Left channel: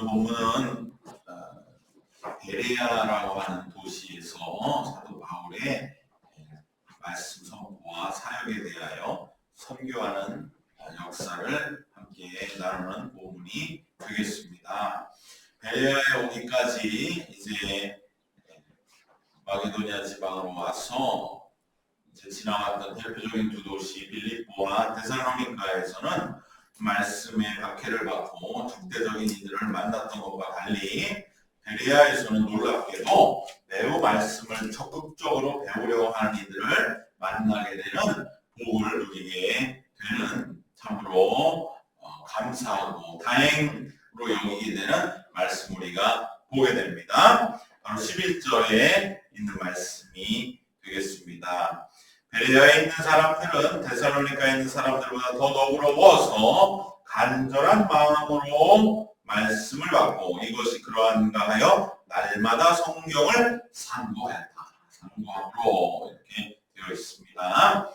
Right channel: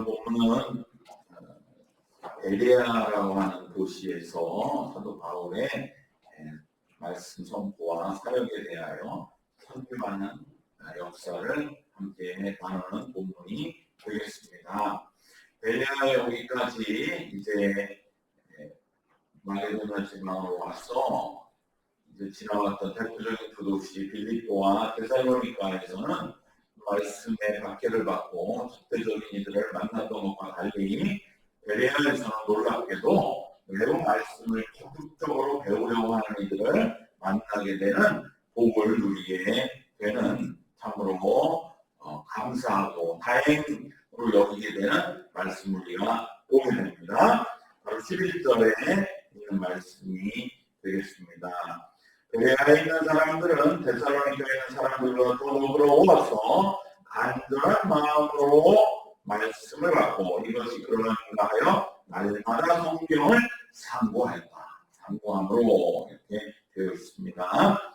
오늘 본문은 베레아라고 하는 도시에서 사도 바울의 말씀 선포와 사역에 대하여 선교하는 역사를 함께 나누는 본문이 되겠습니다. 베레아에 오기까지 이제 마게도니아 지방으로 와서 이제 지나왔던 대표적인 두 도시 빌립보와 데살로니가에서는 말씀의 박해를 받고 적대적인 이들을 만났던 것과 달리 베레아에서는 놀랍게도 매우 말씀을 적극적으로 배우려고 하는 이들을 만나게 되는 복을 누리게 되는 참으로 감사하고 다행으로 여기게 되는 말씀 우리가 보게 됩니다. 바로 11절에 있는 말씀이 되겠습니다. 베레아에 있는 사람들은 데살로니가에 있는 사람들보다 더 너그러워서 간절한 마음으로 말씀을 받고 이것이 그러한가 하여 날마다 성경을 상고하였다. 상고함으로 이렇게 되어 있습니다.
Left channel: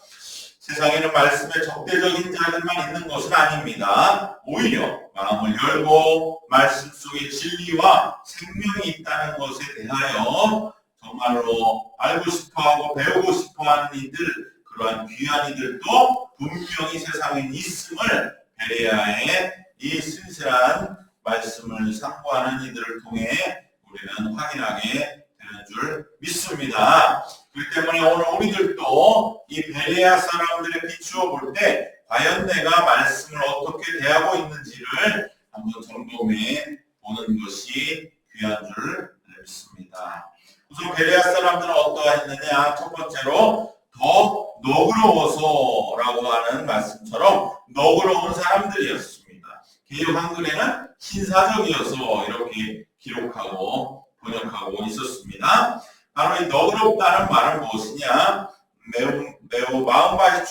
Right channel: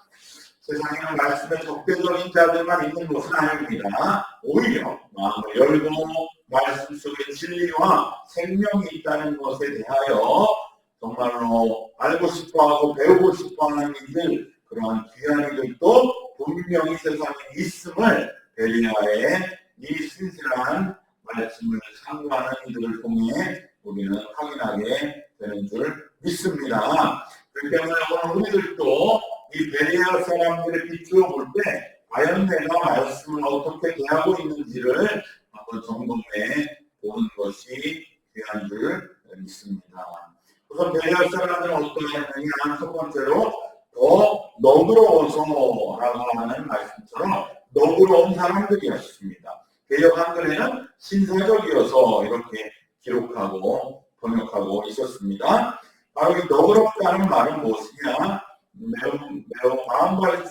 세상에는 말씀에 적대적인 자들만 있는 것은 아닙니다. 오히려 마음을 열고 말씀 속에 진리와 생명이 있다는 것에 대하여 정말로 알고 싶어하고 배우고 싶어하는 이들, 그러한 귀한 이들도 분명히 세상에 있음을 베레아의 이 신실한 말씀을 상고하는 이들을 통해 우리는 확인하게 되는 줄 믿습니다. 그렇기 때문에 오늘 우리들도 이 베레아 사람들에 비추어 볼 때 과연 내가 말씀을 어떻게 대하고 있는지를 한번 점검해 보는 것이 귀한 줄 믿습니다. 우선 베레아 사람들은 어떠했느냐? 첫 번째로 더 너그러워서라고 하는 말씀처럼 너그러운 사람들이었습니다. 개역 한글에는 신사적이어서 이렇게 기록하고 번역하고 있었습니다. 바로 이 너그럽다는 말은 무엇이냐? 매우 마음밭이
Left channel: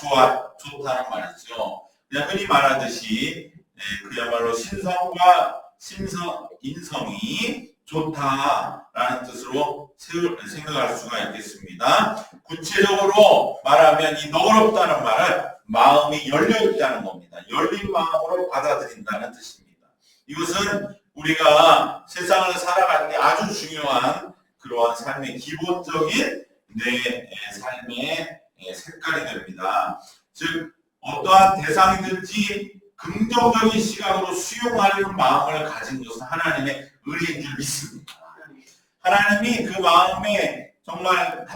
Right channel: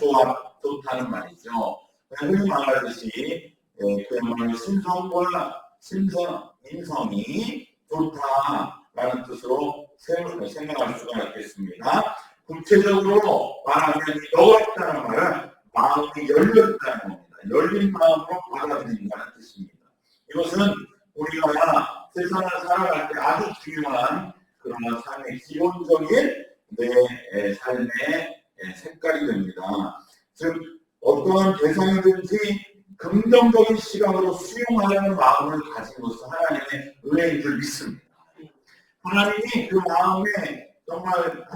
좋다는 말이죠. 그냥 흔히 말하듯이 그야말로 인성이 좋다라는 뜻으로 생각할 수가 있겠습니다. 구체적으로 말하면 이 너그럽다는 말은 마음이 열려있다는 겁니다. 열린 마음으로 받아들인다는 뜻입니다. 이것은 우리가 세상을 살아갈 때 아주 중요한 그러한 삶의 기본적인 내 삶의 색깔이 됩니다. 즉 어떠한 대상이든지 긍정적인 시각으로 수용하려는 마음을 가진 것은 하나님의 은혜인 줄 믿습니다. 하나님이 그 마음에 정말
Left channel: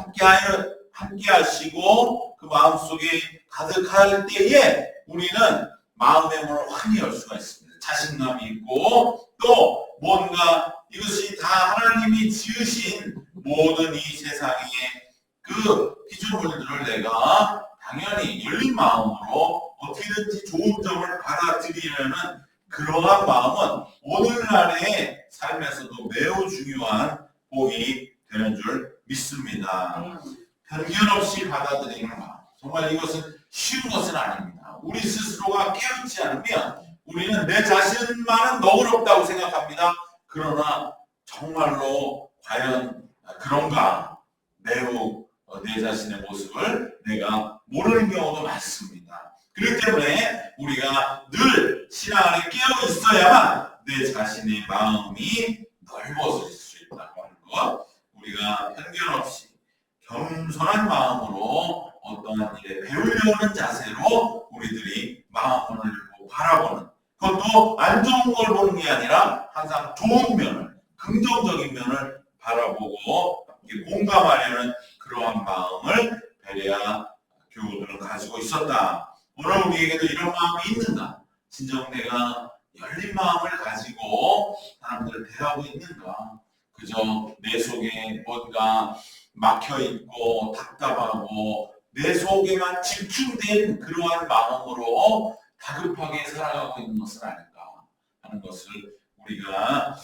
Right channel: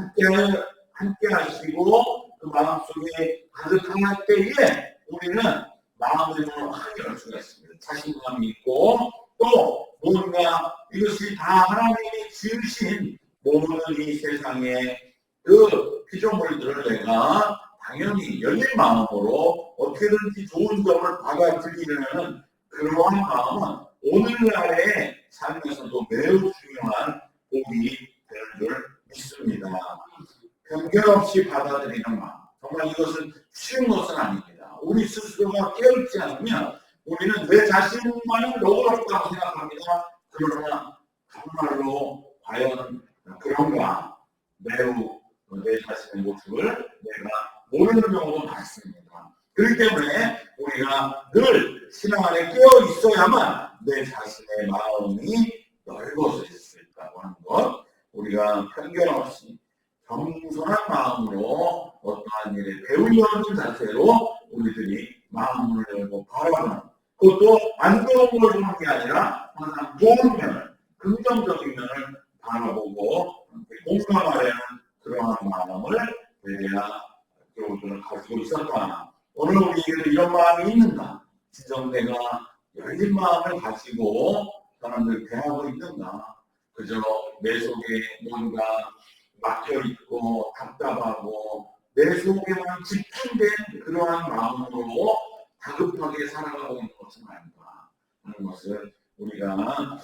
함께 하시고 그 마음속에 가득할 때에 우리는 마음의 문을 환히 열 수가 있습니다. 자신감이 있고 또 뭔가 이것이 다 하나님이 지으신 모든 이 세상의 그 피조물들을 내가 당연히 열린 마음으로 어떻게든지 좋은 점을 받아들이려는 그러한 마음은 오늘날의 삶에서도 매우 중요한 복이 되는 줄 믿습니다. 편견 없이 받아들이는 마음. 정말 이것은 쉬운 것은 아닙니다. 우리 스스로가 깨어있지 않으면 우리는 내 자신만은 너그럽다고 생각합니다. 그러나 정말로 과연 그런가? 매우 내 자신의 모습을 내가 모르는 경우도 많습니다. 그렇기 때문에 우리가 늘 신앙 안에 깨어 있어야만 내 자신의 마음이 넓어질 수 있다고 하는 것, 우리가 편견 없이 겸손한 마음으로 어떠한 일에 배우려는 자세로 우리들이 마음을 열고 바라보는, 그것도 안 좋은 걸 보는 게 아니라 항상 좋은 면을, 긍정적인 면을 바라보고 함께 공감하려는 그러한 마음을 베레아 교우들은 가지고 있었다. 오늘 우리에게도 이런 마음이 있는가? 진정 내가 열린 마음을 가지고 사람들을 대하고 있는가? 그저 내 속에 뭔가 막혀있고 답답하고 내 속에만 집중된 그러한 마음으로 다급하게 살아가고 있는 것은 아닌가 하는 것을 우리가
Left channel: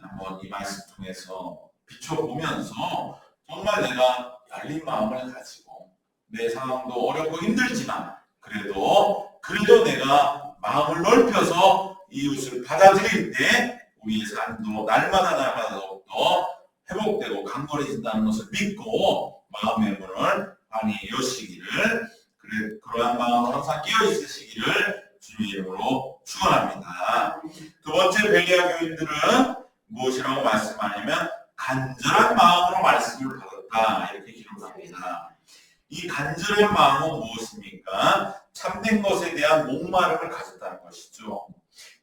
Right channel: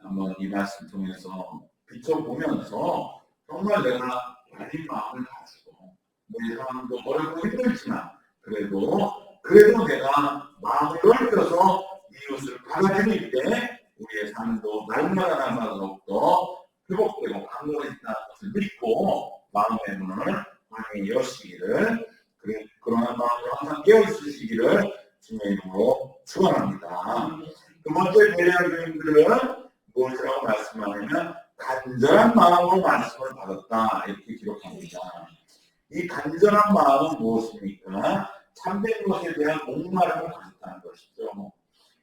한번 이 말씀 통해서 비춰보면서 정말 내가 열린 마음을 가지고 내 상황도 어렵고 힘들지만 그래도 내가 마음을 넓혀서 이웃을 받아들일 때 우리의 삶도 날마다 더욱더 회복되고 강건해진다는 것을 믿고 마음의 문을 환히 여시기를, 그러한 마음으로 항상 깨어 있으시기를 주님의 이름으로 축원합니다. 두 번째 베레아 교인들은 무엇이라고 말씀하냐면 간절한 마음으로 말씀을 받았다 이렇게 기록합니다. 이 간절한 마음은 무엇입니까? 참된 것에 대한 목마름을 가졌다는 것이죠.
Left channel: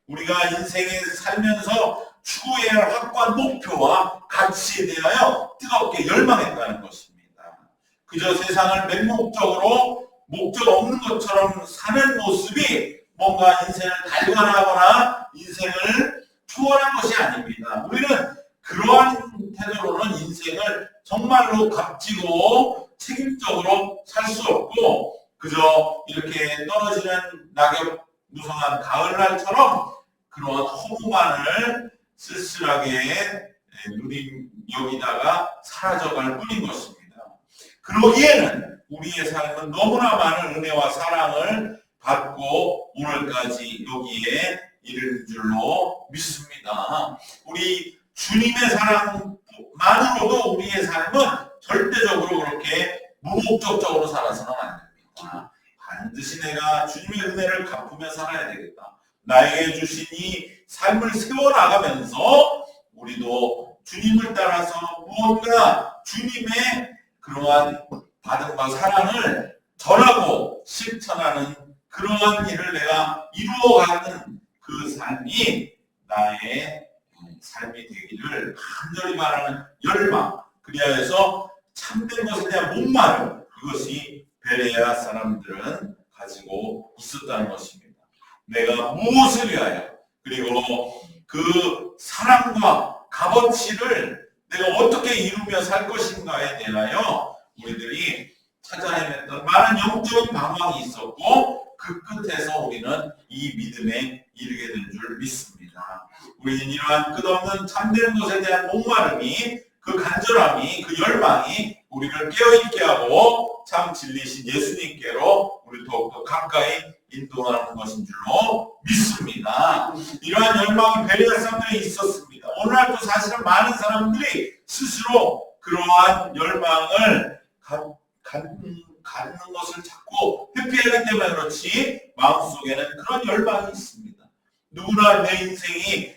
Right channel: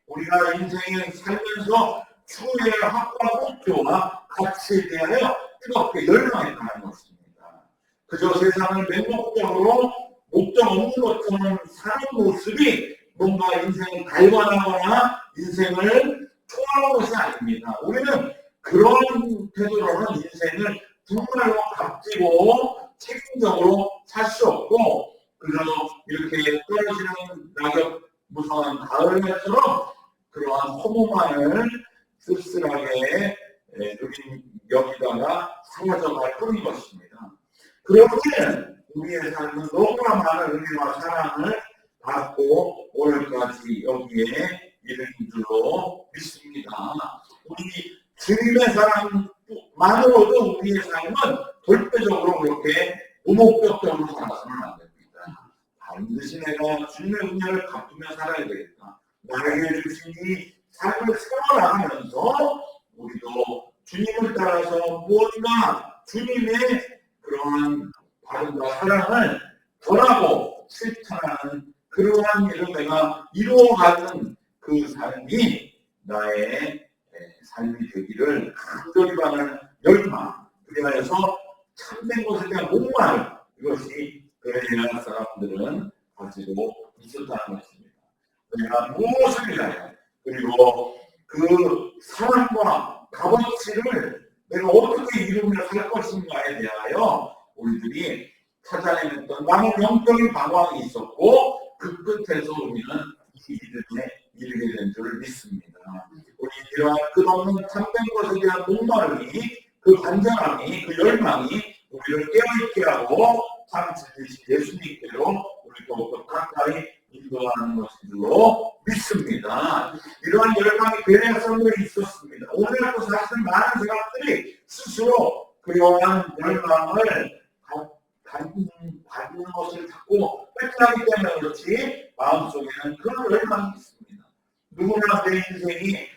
우리가 인생에 살면서 추구해야 할 확고한 목표와 가치에 대하여 뜨겁게 열망했다는 것입니다. 그저 세상을 맹목적으로 목적 없는 것처럼 사는 모습이 뭔가 인생을 달관하거나 인생을 초월한 것이 아닙니다. 우리는 그러한 태도로는 인생을 정말로 값지고 책임적으로 살 수 없고 그저 이렇게 떨어지는 낙엽 무성한 가을날처럼 그러한 허무만을 쓸쓸하게 여기다가 사라져갈 뿐인 것입니다. 그러기에는 우리의 삶은 너무나 많은 은혜와 사랑을 받고 오늘까지 여기에 이른 줄로 믿습니다. 우리 주님의 사랑만으로도 우리의 삶은 절대적으로 그렇게 무목적적으로 살아서는 안 됩니다. 반드시 내가 주님의 은혜를 갚으며 살아야 되겠다. 나에게 주신 이 삶을 세워나가면서 우리도 주님을 따라서 무언가 주님의 그러한 받은 바 사랑을 전하고 실천하는 그러한 일을 내가 이루어가는 그 삶이 나의 삶이 되기를 간절히 바라는 열망, 그리하여서 참된 것에 대한 목마름, 이것이 베레아 사람들은 가지고 있었다는 것입니다. 내가 무엇을 위하여 그리고 그 사랑과 값어치를 내가 어떻게 이루며 살 것인가에 대하여 우리들이 찾아 헤맸던 많은 영적인 방황이 있었고 그 끝에서 우리는 이 믿음에 이르게 된 줄 믿습니다. 우리는 이러한 끝없는 참된 것에 대한 목마름이 그 간절함이 그 열망이 우리를 깨어있게 하고 참 진리신 예수님께로 우리 더욱더 가까이 인도하는 것인 줄로 믿습니다. 이러한 열망이 베레아 사람들에 있었습니다. 오늘날도 사실은 많은 사람들이 스스로 그러한 열망을 갖는 것을 자꾸 회피하기 때문에 그렇지 마음속에는 그런 열망이 있습니다. 누구나 내 인생이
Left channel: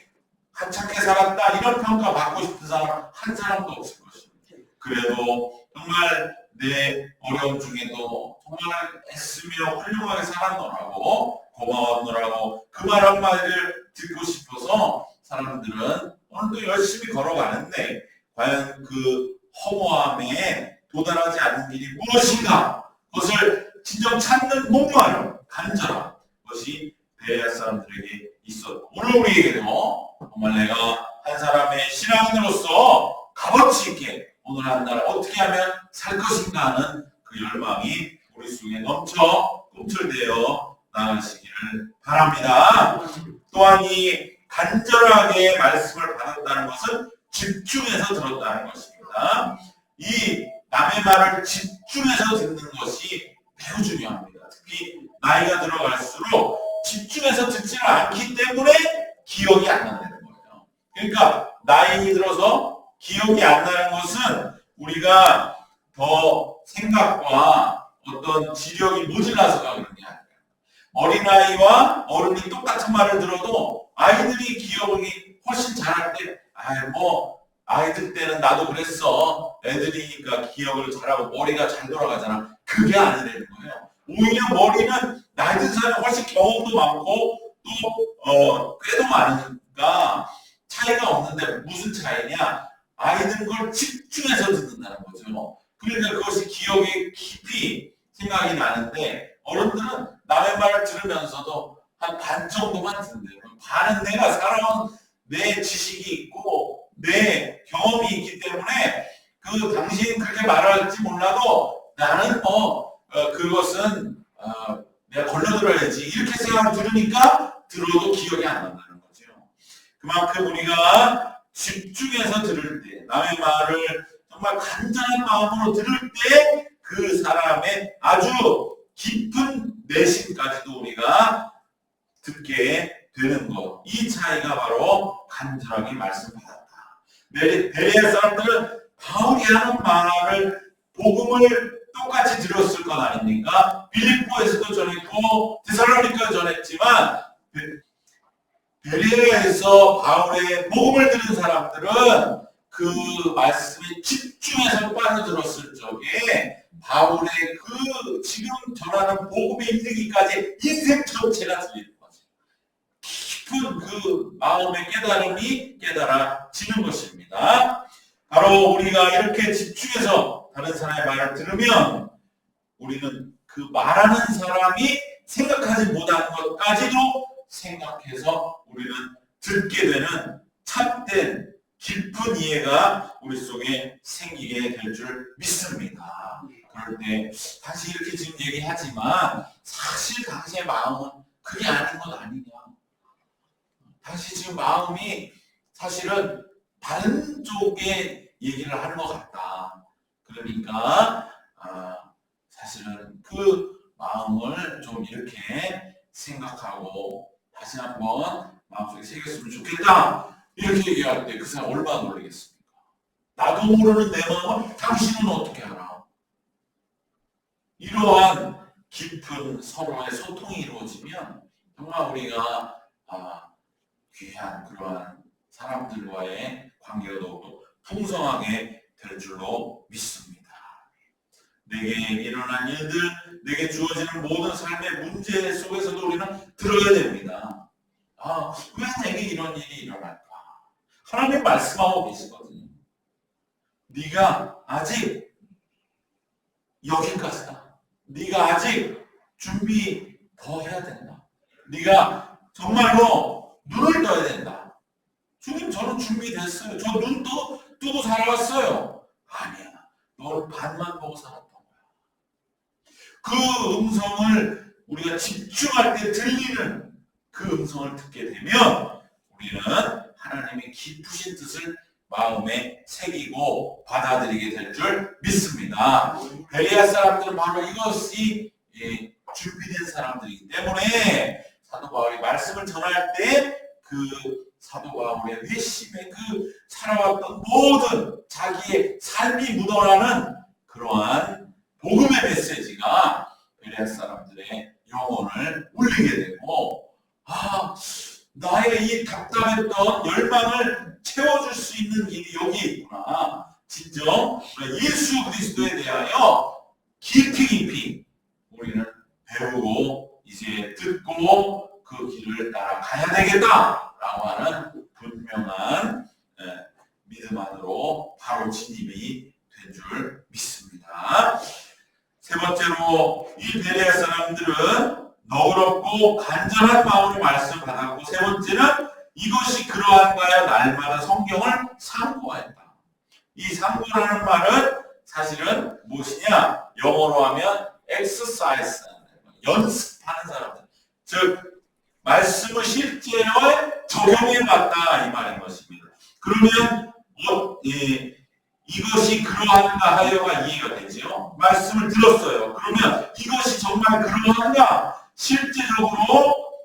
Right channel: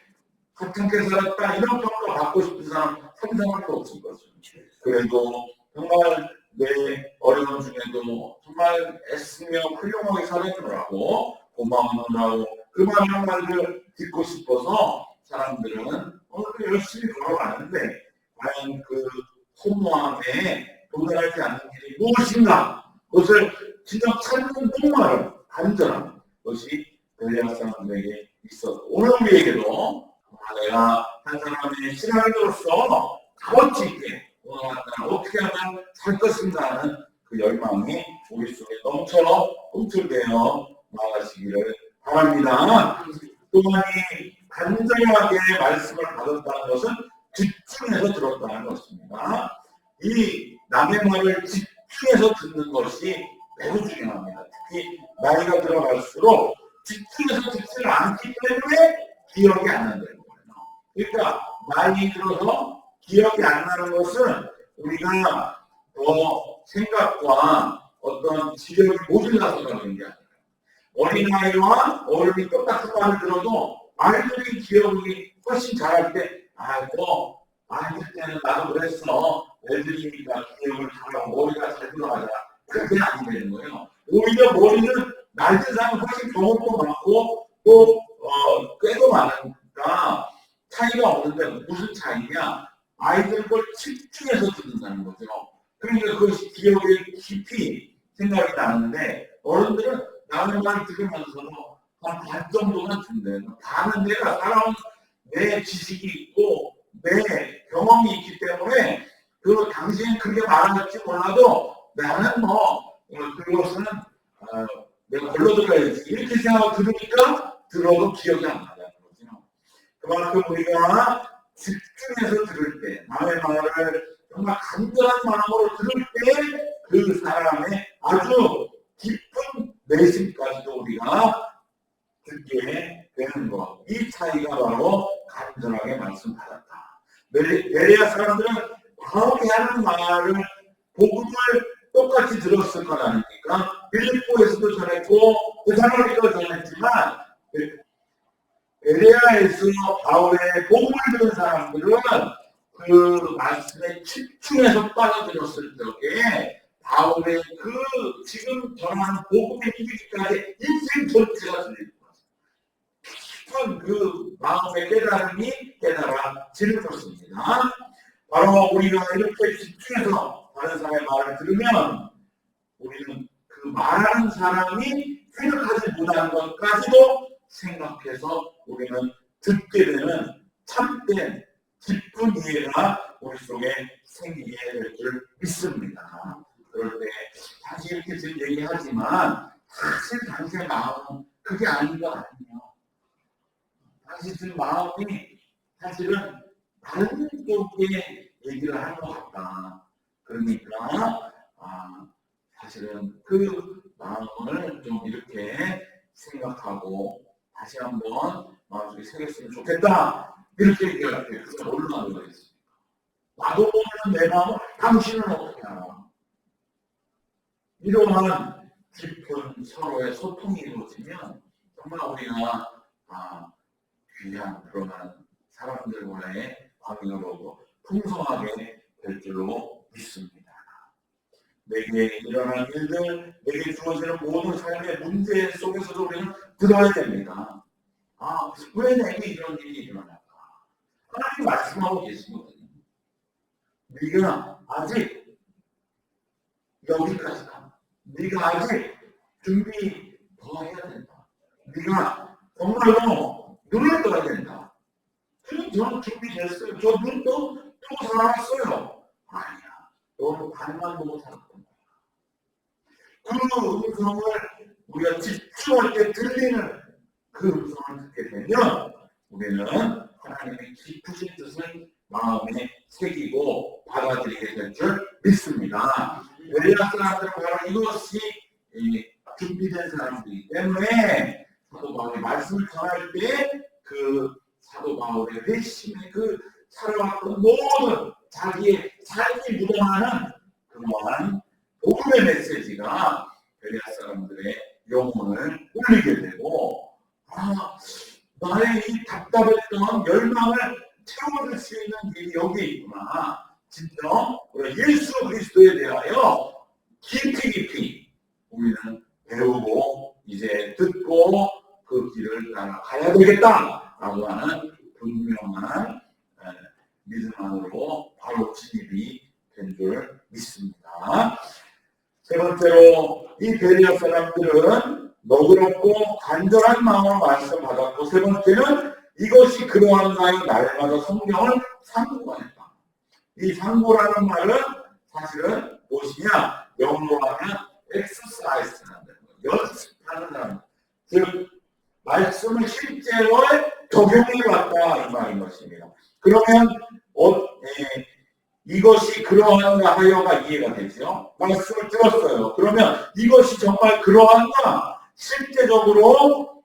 하찮게 살았다 이런 평가 받고 싶은 사람 한 사람도 없을 것입니다. 그래도 정말 내 어려운 중에도 정말 애쓰며 훌륭하게 살았노라고 고마웠노라고 그 말 한마디를 듣고 싶어서 사람들은 오늘도 열심히 걸어가는데 과연 그 허무함에 도달하지 않는 길이 무엇인가? 그것을 진정 찾는 목마름, 간절함, 그것이 베레아 사람들에게 있었고 오늘 우리에게도 정말 내가 한 사람의 신앙인으로서 값어치 있게 오늘 한 날 어떻게 하면 살 것인가 하는 그 열망이 우리 속에 넘쳐 꿈틀대어 나가시기를 바랍니다. 또한 이 간절하게 말씀을 받았다는 것은 집중해서 들었다는 것입니다. 이 남의 말을 집중해서 듣는 것이 매우 중요합니다. 특히 나이가 들어갈수록 집중해서 듣지를 않기 때문에 기억이 안 난다는 거예요. 그러니까 나이 들어서 기억이 안 나는 것은 우리가 더 생각과 어떤 지력이 모질라서가 그런 게 아니에요. 어린아이와 어른이 똑같은 말을 들어도 아이들이 기억이 훨씬 잘할 때 아이들 때는 나도 그랬어. 애들이니까 기억을 잘하고 머리가 잘 돌아가잖아. 그게 아니라는 거예요. 오히려 머리는 나이 든 사람이 훨씬 경험도 많고 또 꾀도 많으니까 차이가 없는데 무슨 차이냐? 아이들은 그걸 집중해서 듣는다는 거죠. 그러니까 그것이 기억에 깊이 생각이 나는데 어른들은 남의 말을 들으면서도 한 반 정도만 듣는데 반은 내가 살아온 내 지식이 있고 내 경험이 있기 때문에 그 당신이 그렇게 말할지 몰라도 나는 그것은 내가 걸러들어야지 이렇게 생각하고 들으니까 들어도 기억이 안 난다는 거죠. 그만큼 우리가 집중해서 들을 때 남의 말을 정말 간절한 마음으로 들을 때 그 사람의 아주 깊은 내심까지도 우리가 듣게 되는 것. 이 차이가 바로 간절하게 말씀 받았다. 베레아 사람들은 바울이 하는 말을 복음을 똑같이 들었을 것 아닙니까? 빌립보에서도 전했고 데살로니가도 전했지만 베레아에서 바울의 복음을 들은 사람들은 그 말씀에 집중해서 빠져들었을 적에 바울의 그 지금 전하는 복음에 이르기까지 인생 전체가 들릴 거죠. 깊은 그 마음의 깨달음이 깨달아지는 것입니다. 바로 우리가 이렇게 집중해서 다른 사람의 말을 들으면 우리는 그 말하는 사람이 생각하지 못한 것까지도 생각해서 우리는 듣게 되는 참된 깊은 이해가 우리 속에 생기게 될 줄 믿습니다. 그럴 때 다시 이렇게 지금 얘기하지만 사실 당시의 마음은 그게 아닌 것 아니냐. 당시 지금 마음이 사실은 다른 쪽에 얘기를 하는 것 같다. 그러니까 사실은 그 마음을 좀 이렇게 생각하고 다시 한번 마음속에 새겼으면 좋겠다. 이렇게 얘기할 때 그 사람 얼마나 놀라겠습니까? 나도 모르는 내 마음을 당신은 어떻게 알아? 이러한 깊은 서로의 소통이 이루어지면 정말 우리가 귀한 그러한 사람들과의 관계가 더욱더 풍성하게 될 줄로 믿습니다. 내게 일어난 일들, 내게 주어지는 모든 삶의 문제 속에서도 우리는 들어야 됩니다. 왜 내게 이런 일이 일어날까? 하나님 말씀하고 계시거든요. 네가 아직 여기까지다. 네가 아직 준비 더 해야 된다. 네가 정말로 눈을 떠야 된다. 주님, 저는 준비됐어요. 저 눈 뜨고 살아왔어요. 아니야. 너는 반만 보고 살았던 거야. 그 음성을 우리가 집중할 때 들리는 그 음성을 듣게 되면 우리는 하나님의 깊으신 뜻을 마음에 새기고 받아들이게 될 줄 믿습니다. 베레아 사람들은 바로 이것이 준비된 사람들이기 때문에 사도 바울이 말씀을 전할 때 그 사도 바울의 회심의 그 살아왔던 모든 자기의 삶이 묻어나는 그러한 복음의 메시지가 베레아 사람들의 영혼을 울리게 되고 나의 이 답답했던 열망을 채워줄 수 있는 길이 여기에 있구나. 진정 우리가 예수 그리스도에 대하여 깊이 우리는 배우고 이제 듣고 그 길을 따라가야 되겠다라고 하는 분명한 믿음 안으로 바로 진입이 된 줄 믿습니다. 세 번째로 이 베레아 사람들은 너그럽고 간절한 마음으로 말씀 받았고, 세 번째는 이것이 그러한가요? 날마다 성경을 상고하였다. 이 상고라는 말은 사실은 무엇이냐? 영어로 하면 exercise라는 거예요. 연습하는 사람들. 즉 말씀을 실제로 적용해 봤다 이 말인 것입니다. 그러면 이것이 그러한가 하여가 이해가 되죠. 말씀을 들었어요. 그러면 이것이 정말 그러한가? 실제적으로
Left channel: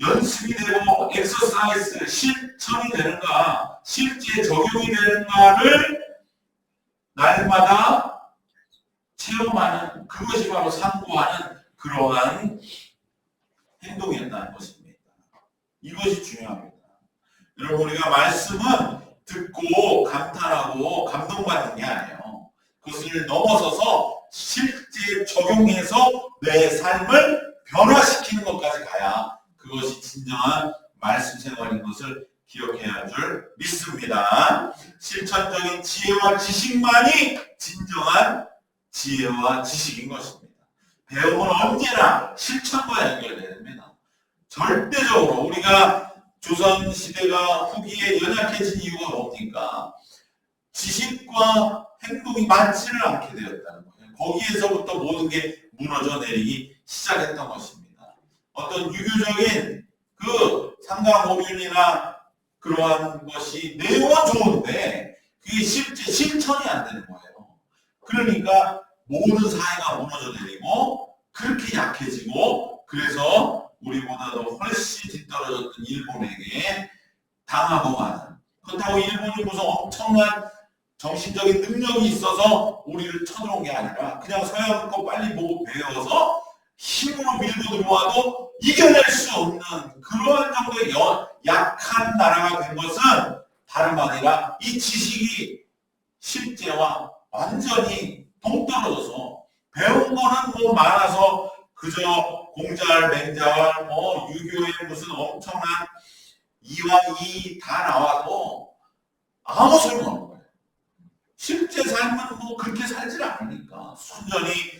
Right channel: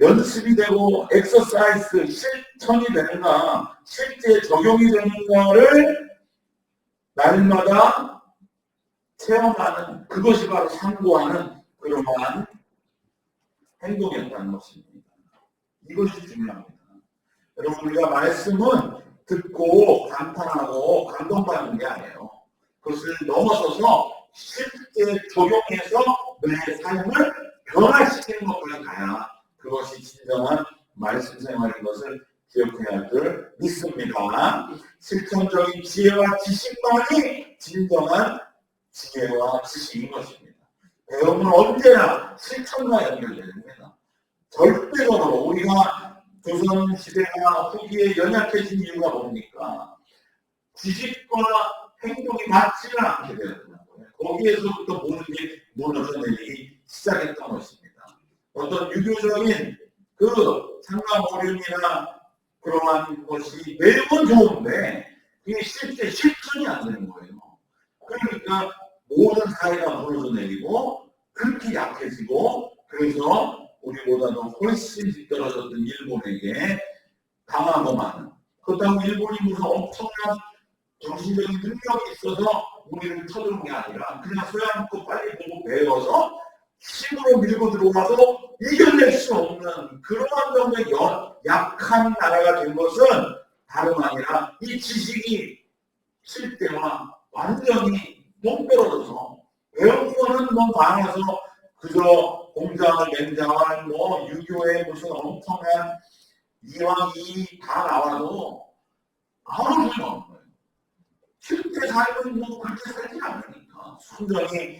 연습이 되고 엑서사이즈 실천이 되는가? 실제 적용이 되는가를 날마다 체험하는, 그것이 바로 상고하는 그러한 행동이었다는 것입니다. 이것이 중요합니다. 여러분, 우리가 말씀은 듣고 감탄하고 감동받는 게 아니에요. 그것을 넘어서서 실제 적용해서 내 삶을 변화시키는 것까지 가야 그것이 진정한 말씀 생활인 것을 기억해야 할 줄 믿습니다. 실천적인 지혜와 지식만이 진정한 지혜와 지식인 것입니다. 배움은 언제나 실천과 연결됩니다. 절대적으로 우리가 조선시대가 후기에 연약해진 이유가 뭡니까? 지식과 행동이 맞지를 않게 되었다는 거예요. 거기에서부터 모든 게 무너져 내리기 시작했던 것입니다. 어떤 유교적인 그 상강오륜이나 그러한 것이 내용은 좋은데 그게 실제 실천이 안 되는 거예요. 그러니까 모든 사회가 무너져 내리고 그렇게 약해지고, 그래서 우리보다도 훨씬 뒤떨어졌던 일본에게 당하고 마는, 그렇다고 일본이 무슨 엄청난 정신적인 능력이 있어서 우리를 쳐들어온 게 아니라 그냥 서양 거 빨리 보고 배워서 힘으로 밀고 들어와도 이겨낼 수 없는 그러한 정도의 약한 나라가 된 것은 다름 아니라 이 지식이 실제와 완전히 동떨어져서 배운 거는 뭐 많아서 그저 공자활, 맹자활, 뭐 유교의 무슨 엄청난 이왕 이 다 나와도 아무 소용없는 거예요. 실제 삶은 뭐 그렇게 살질 않으니까 순전히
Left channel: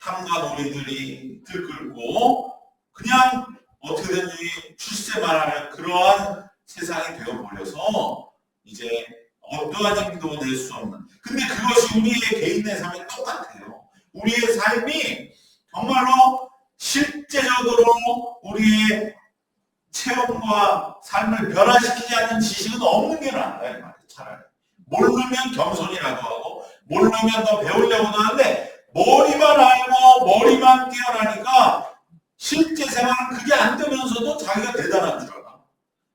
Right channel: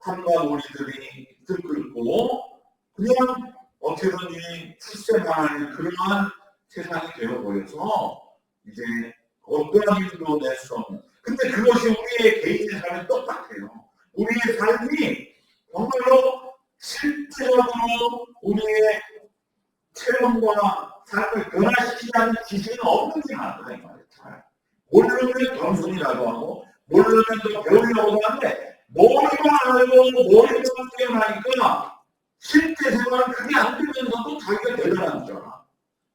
탐과 놀이들이 들끓고 그냥 어떻게든지 출세만 하는 그러한 세상이 되어버려서 이제 어떠한 힘도 낼 수 없는. 근데 그것이 우리의 개인의 삶에 똑같아요. 우리의 삶이 정말로 실제적으로 우리의 체험과 삶을 변화시키지 않는 지식은 없는 게 나은가 이 말이에요. 차라리 모르면 겸손이라도 하고 모르면 더 배우려고도 하는데 머리만 알고 머리만 뛰어나니까 실제 생활은 그게 안 되면서도 자기가 대단한 줄 알아.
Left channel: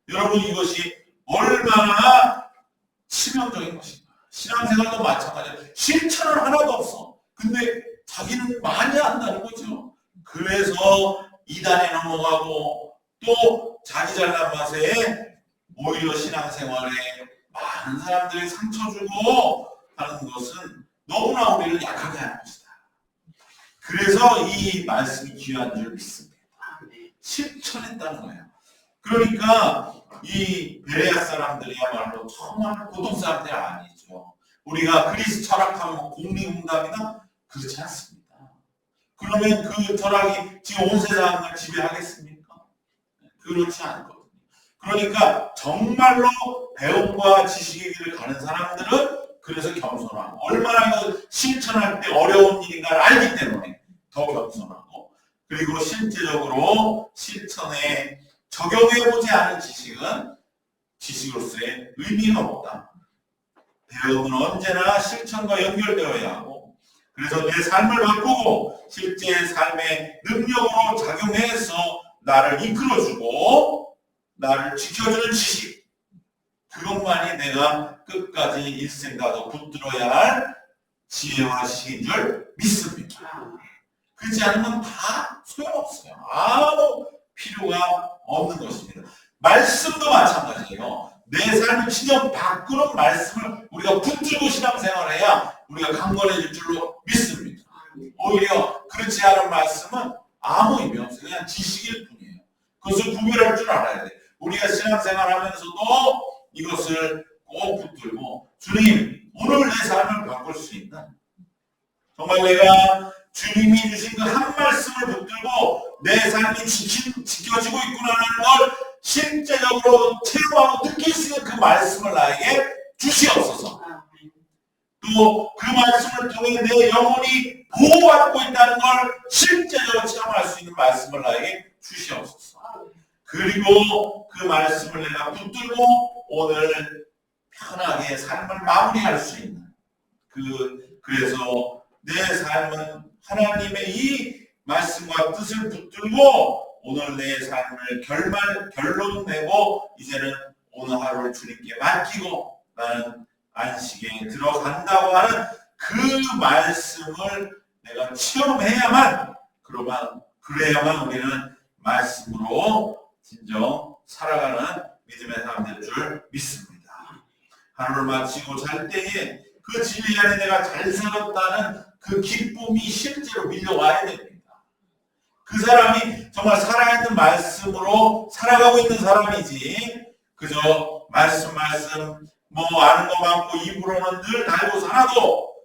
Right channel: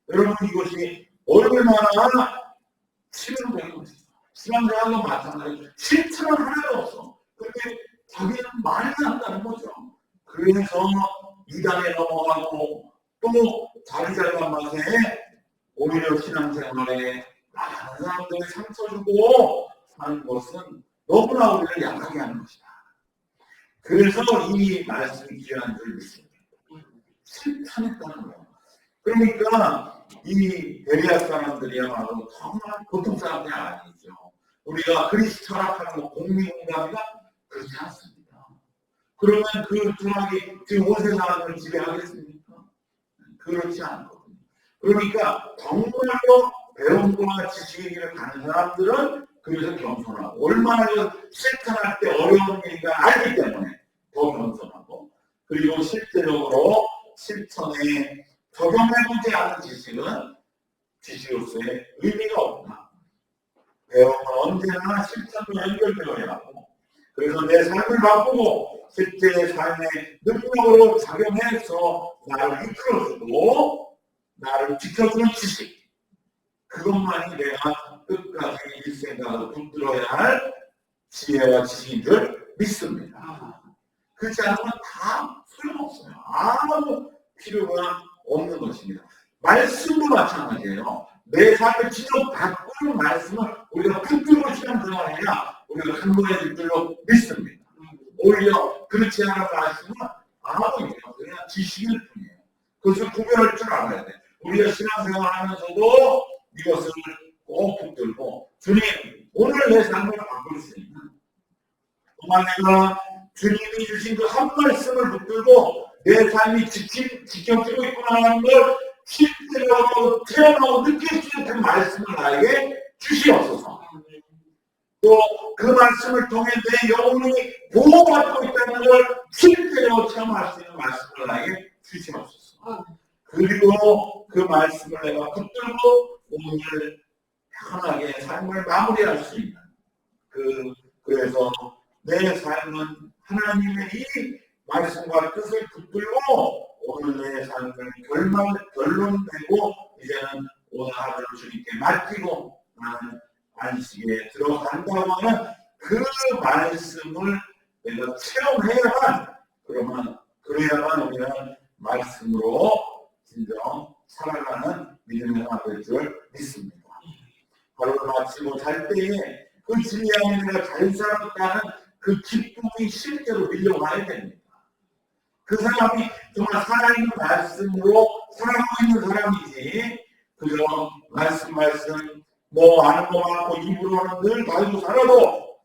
여러분 이것이 얼마나 치명적인 것인가. 신앙생활도 마찬가지예요. 실천은 하나도 없어. 근데 자기는 많이 한다는 거죠. 그래서 이단에 넘어가고 또 자기 잘난 맛에 오히려 신앙생활에 많은 사람들이 상처 주고 하는 것은 너무나 우리를 약하게 하는 것이다. 그래서 이 말씀이 귀한 줄 믿습니다. 실천했다는 거예요. 그러니까 이 베레아 사람들이야말로 정말 보통 사람들이 아니죠. 우리가 그리스 철학하면 뭐 공리공답이다? 그렇지 않습니다. 그러면 그 철학이 지금 온 세상을 지배하겠습니까? 그렇지 않거든요. 그러니까 정말로 배움과 지식의 길을 가는 사람들은 그래서 겸손하고 얼마나 이거 실천할 때 어려운 일인가를 알기 때문에 더 겸손하고 그리고 실제적으로 실천에 적용해보지 않은 지식은 지식으로서의 의미가 없다. 배움은 언제나 실천과 연결되어야 하고 그래서 내 삶을 바꾸고 실제 삶의 능력으로 작용해서 나를 이끌어주고 나를 지켜주는 지식 그것만이 내가 끝까지 일생가도 붙들어야 할 지혜와 지식인 줄 믿습니다. 그렇지 않으면 다 소용없어요. 아무 필요가 없는 것입니다. 말씀도 마찬가지예요. 내 삶을 진정 바꾸는 말씀을 우리가 붙들고 신앙생활을 해야 우리가 강건해질 줄로 믿습니다. 오히려 그렇지 않은 말씀은 아무 의미 없어요. 그냥 지식일 뿐이에요. 그것을 구별할 줄 알아야 돼. 우리가 신앙생활 하면서도 이것을 꼭 붙들고 주님 오늘 내 삶을 바꿀 수 있는 정말 내가 주님이 주신 그 한 말씀을 붙들고 내 삶이 지켜지고 있구나라는 걸 실제적으로 체험하고 느낄 수 있는 그 말씀을 나에게 주시옵소서. 또 그 말씀을 통해 내 영혼이 보호받고 있다는 걸 실제적으로 체험할 수 있는 말씀을 나에게 주시옵소서. 그리고 그 말씀을 내가 붙들고 오늘 편하게 삶을 마무리할 수 있는 그래서 내 삶은 하나님의 이 말씀과 뜻을 붙들고 오늘 내 삶을 결론 내고 이제는 오늘 하루를 주님께 맡기고 나는 안식에 들어간다고 하는 그 말씀을 내가 체험해야만 그래야만 우리는 말씀으로 진정 살아가는 믿음의 사람 될 줄 믿습니다. 하루를 마치고 잘 때에 그 진리 안에 내가 잘 살았다는 그 기쁨이 실제로 밀려와야 됩니다. 그 사람이 정말 살아있는 말씀으로 살아가고 있는 사람이지 그저 말씀 뭐 아는 거 많고 입으로는 늘 달고 살아도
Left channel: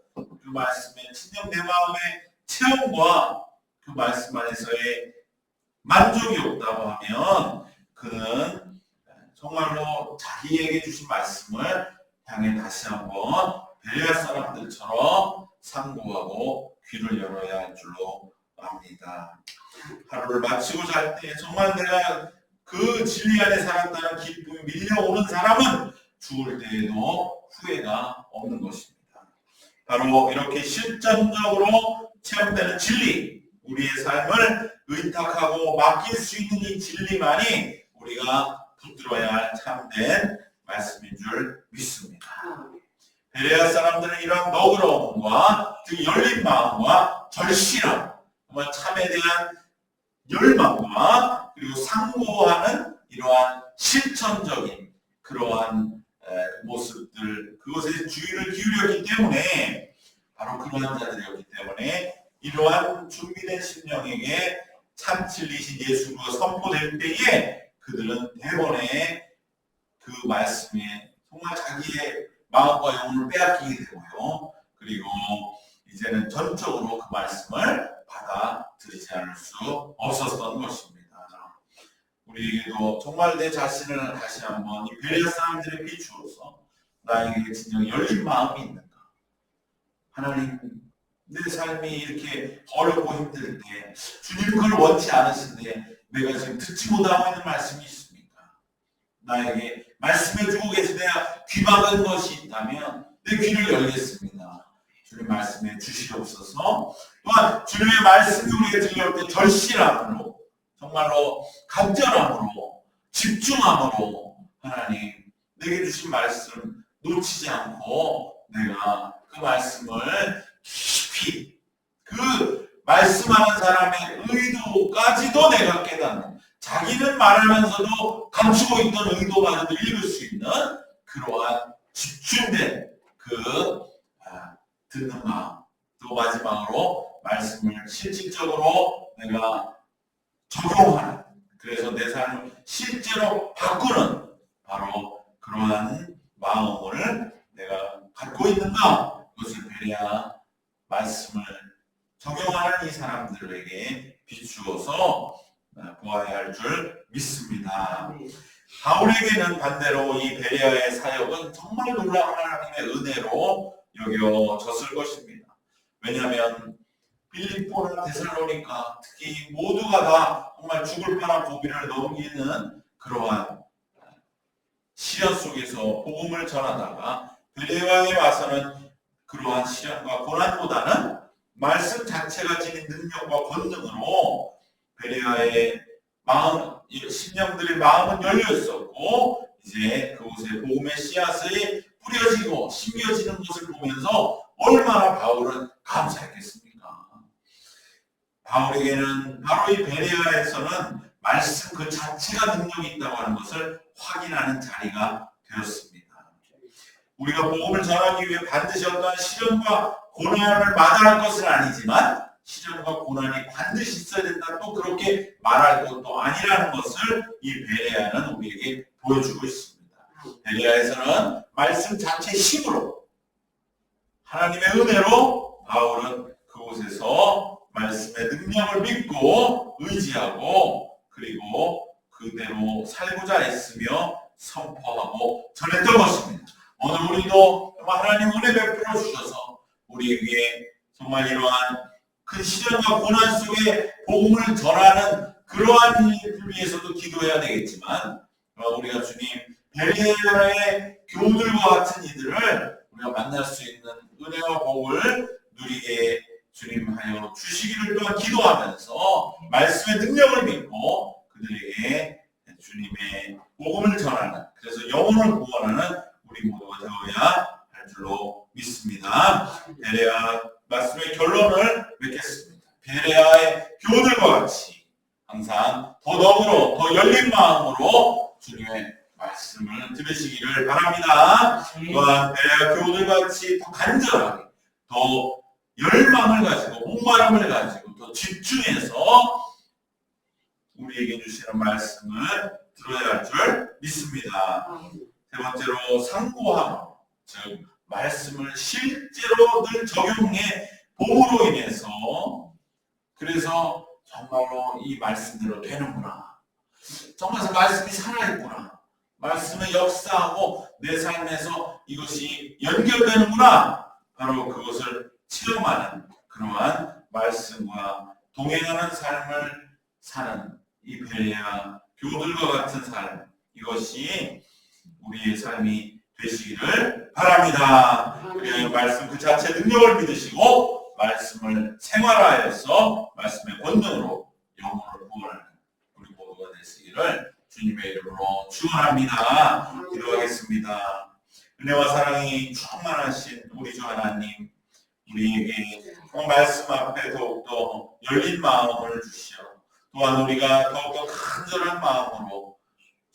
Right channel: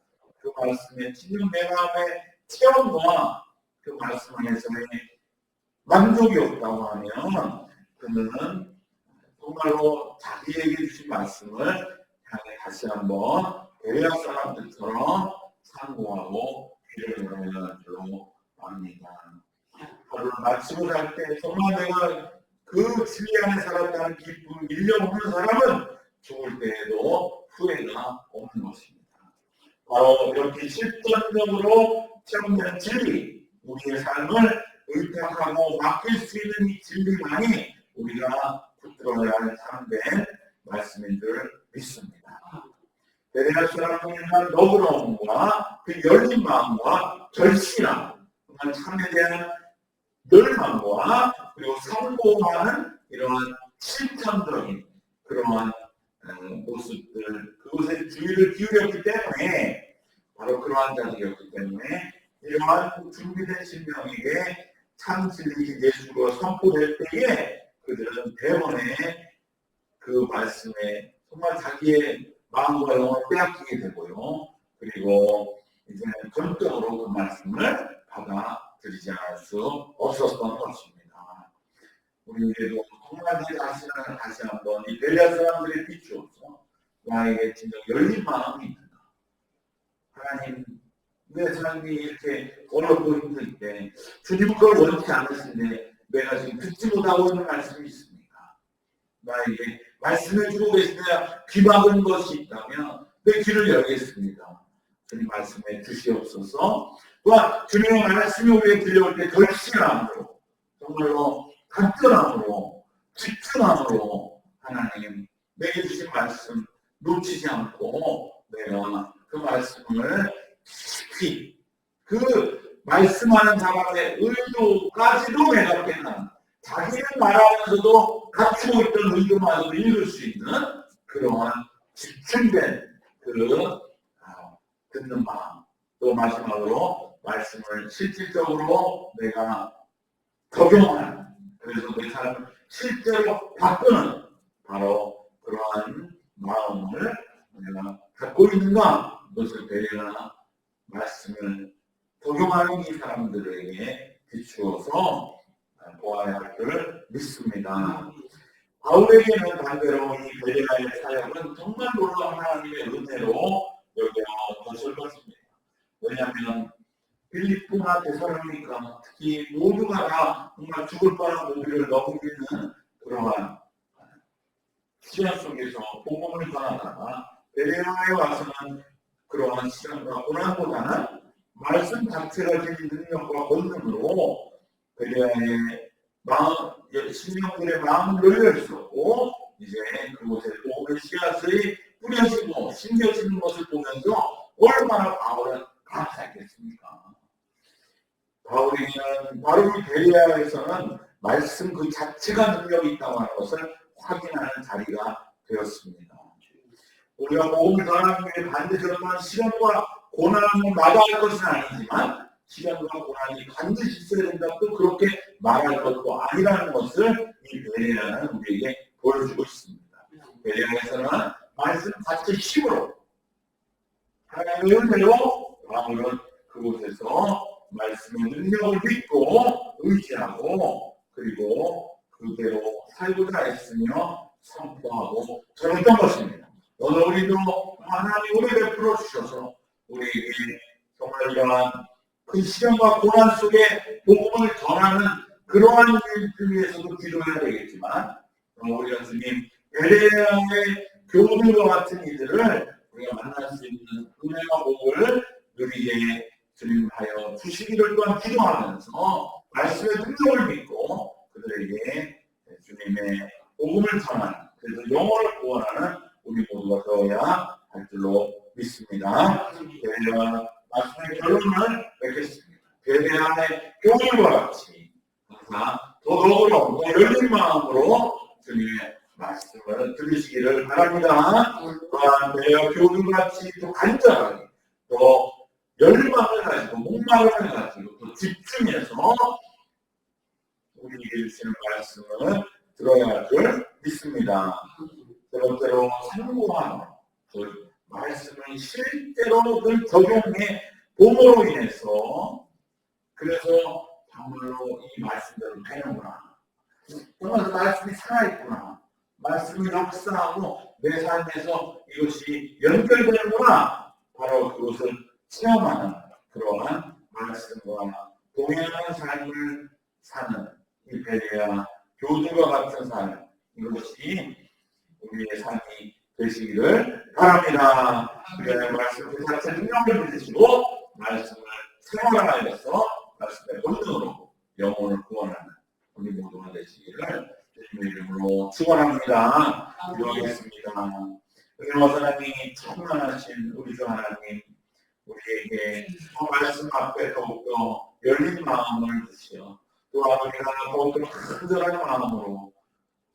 그 말씀에 진정 내 마음의 체험과 그 말씀 안에서의 만족이 없다고 하면 그는 정말로 자기에게 주신 말씀을 향해 다시 한번 베레아 사람들처럼 상고하고 귀를 열어야 할 줄로 압니다. 하루를 마치고 잘 때 정말 내가 그 진리 안에 살았다는 기쁨이 밀려오는 사람은 죽을 때에도 후회가 없는 것입니다. 바로 이렇게 실전적으로 체험되는 진리, 우리의 삶을 의탁하고 맡길 수 있는 이 진리만이 우리가 붙들어야 할 참된 말씀인 줄 믿습니다. 베레아 사람들은 이러한 너그러움과 그 열린 마음과 절실함, 정말 참에 대한 열망과 그리고 상고하는 이러한 실천적인 그러한 모습들, 그것에 주의를 기울였기 때문에, 바로 그러한 자들이었기 때문에 이러한 준비된 심령에게 참 진리이신 예수가 선포될 때에 그들은 대번에 그 말씀에 정말 자기의 마음과 영혼을 빼앗기게 되고요. 그리고 이제는 전적으로 그 말씀을 받아들이지 않을 수 없었던 것입니다. 우리에게도 정말 내 자신을 다시 한번 이 베레아 사람들에 비추어서 나에게 진정 열린 마음이 있는가? 하나님, 내 삶이 이렇게 어렵고 힘들 때 주님은 그걸 원치 않으신데 내가 지금 듣지 못하고 있는 말씀이 있습니까? 나에게 말씀해주고 계신 내가 귀 막은 것이 있다면 내 귀를 열겠습니다. 주님 말씀해 주시옵소서. 또한 주님의 말씀이 우리에게 들려올 때 절실함으로, 정말로 간절함으로, 집중함으로 하나님 내게 주신 말씀 놓치지 않고 내가 그 말씀을 깊이, 그 말씀하는 사람의 의도까지도 내가 깨닫는, 자기는 말하면서도 감추고 있던 의도마저도 읽을 수 있는 그러한 집중된 그 듣는 마음, 또 마지막으로 말씀을 실질적으로 내가 적용하는, 그래서 내 삶을 실제로 바꾸는 바로 그러한 마음을 내가 갖고 있는가? 이것을 베레아 말씀을 적용하는 이 사람들에게 비추어서 보아야 할 줄 믿습니다. 바울에게는 반대로 이 베레아의 사역은 정말 놀라운 하나님의 은혜로 여겨졌을 것입니다. 왜냐하면 빌립보나 데살로니가 특히 모두가 다 정말 죽을 뻔한 고비를 넘기는 그러한 시련 속에서 복음을 전하다가 베레아에 와서는 그러한 시련과 고난보다는 말씀 자체가 지닌 능력과 권능으로 베레아의 마음, 심령들의 마음은 열려 있었고 이제 그곳에 복음의 씨앗이 뿌려지고 심겨지는 것을 보면서 얼마나 바울은 감사했겠습니까? 바울에게는 바로 이 베레아에서는 말씀 그 자체가 능력이 있다고 하는 것을 확인하는 자리가 되었습니다. 우리가 복음을 전하기 위해 반드시 어떠한 시련과 고난을 마다할 것은 아니지만 시련과 고난이 반드시 있어야 된다, 또 그렇게 말할 것도 아니라는 것을 이 베레아는 우리에게 보여주고 있습니다. 베레아에서는 말씀 자체 힘으로, 하나님의 은혜로 바울은 그곳에서 말씀의 능력을 믿고 의지하고 그리고 그대로 살고자 애쓰며 선포하고 전했던 것입니다. 오늘 우리도 하나님 은혜 베풀어 주셔서 우리에게 정말 이러한 큰 시련과 고난 속에 복음을 전하는 그러한 일을 위해서도 기도해야 되겠지만, 우리가 주님 베레아의 교우들과 같은 이들을 우리가 만날 수 있는 은혜와 복을 누리게 주님 하여 주시기를 또한 기도하면서 말씀의 능력을 믿고 그들에게 주님의 복음을 전하는, 그래서 영혼을 구원하는 우리 모두가 되어야 할 줄로 믿습니다. 베레아 말씀의 결론을 맺겠습니다. 베레아의 교우들과 같이 항상 더 너그러운, 더 열린 마음으로 주님의 말씀을 들으시기를 바랍니다. 또한 베레아 교우들과 같이 더 간절하게, 더 열망을 가지고, 목마름을 가지고 더 집중해서 우리에게 주시는 말씀을 들어야 할 줄 믿습니다. 세 번째로 상고함으로, 즉 말씀을 실제로 늘 적용해 봄으로 인해서, 그래서 정말로 이 말씀대로 되는구나, 정말 말씀이 살아있구나, 말씀은 역사하고 내 삶에서 이것이 연결되는구나, 바로 그것을 체험하는 그러한 말씀과 동행하는 삶을 사는 이 베레아 교우들과 같은 삶, 이것이 우리의 삶이 되시기를 바랍니다. 그리하여 말씀 그 자체 능력을 믿으시고 말씀을 생활화하여서 말씀의 권능으로 영혼을 구원하는 우리 모두가 되시기를 주님의 이름으로 축원합니다. 기도하겠습니다. 은혜와 사랑이 충만하신 우리 주 하나님, 우리에게 말씀 앞에 더욱더 열린 마음을 주시어 또한 우리가 더욱더 간절한 마음으로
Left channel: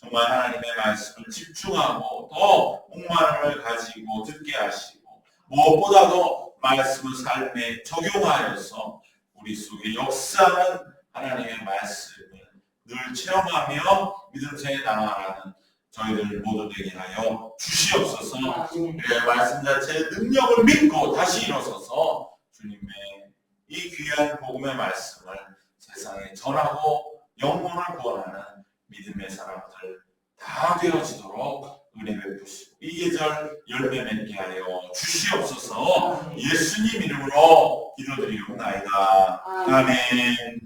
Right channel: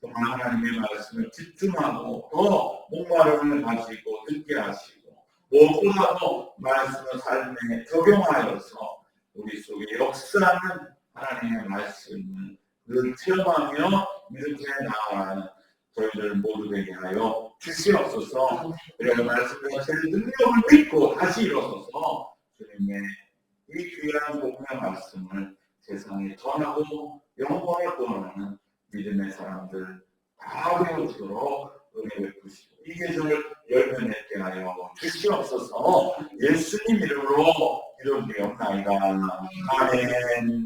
정말 하나님의 말씀을 집중하고 더 목마름을 가지고 듣게 하시고 무엇보다도 말씀을 삶에 적용하여서 우리 속에 역사하는 하나님의 말씀을 늘 체험하며 믿음생에 나아가는 저희들 모두 되게 하여 주시옵소서. 그래야 말씀 자체의 능력을 믿고 다시 일어서서 주님의 이 귀한 복음의 말씀을 세상에 전하고 영혼을 구원하는 믿음의 사람들 다 되어지도록 은혜 베푸시고 이 계절 열매 맺게 하여 주시옵소서. 예수님 이름으로 기도드리옵나이다. 아멘.